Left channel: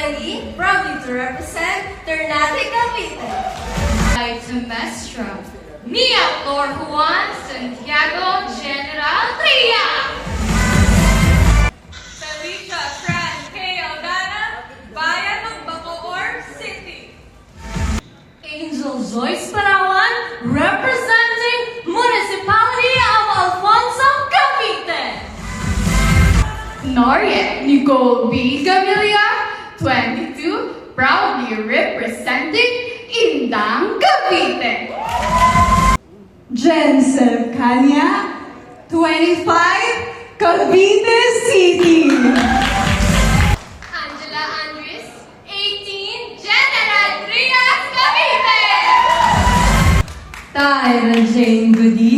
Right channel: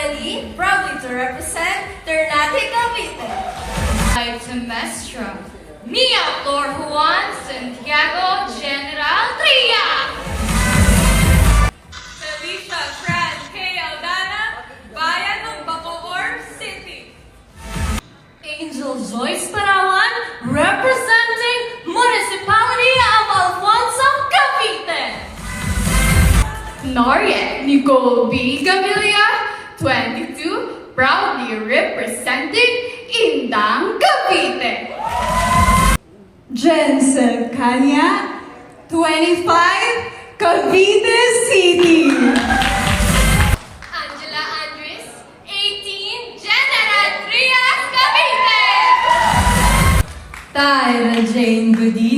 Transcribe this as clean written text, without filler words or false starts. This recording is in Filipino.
Arely, proudly to represent Ternate Cavite. Right to Mestra, Mia Flor Juan Santiago General Tria. Salisa Fran K. Aldana, Bayan ng Bacoor City. Angel Joyce Parawan, representing Municipality of Alfonso, Cavite. Noria Nicole B. Gavilia, 22, proudly representing Indang, Cavite. Jensen Kanya, 25, Cavite City. Angela Andres, 18, General Trias, Cavite. Tyra Jane Goody,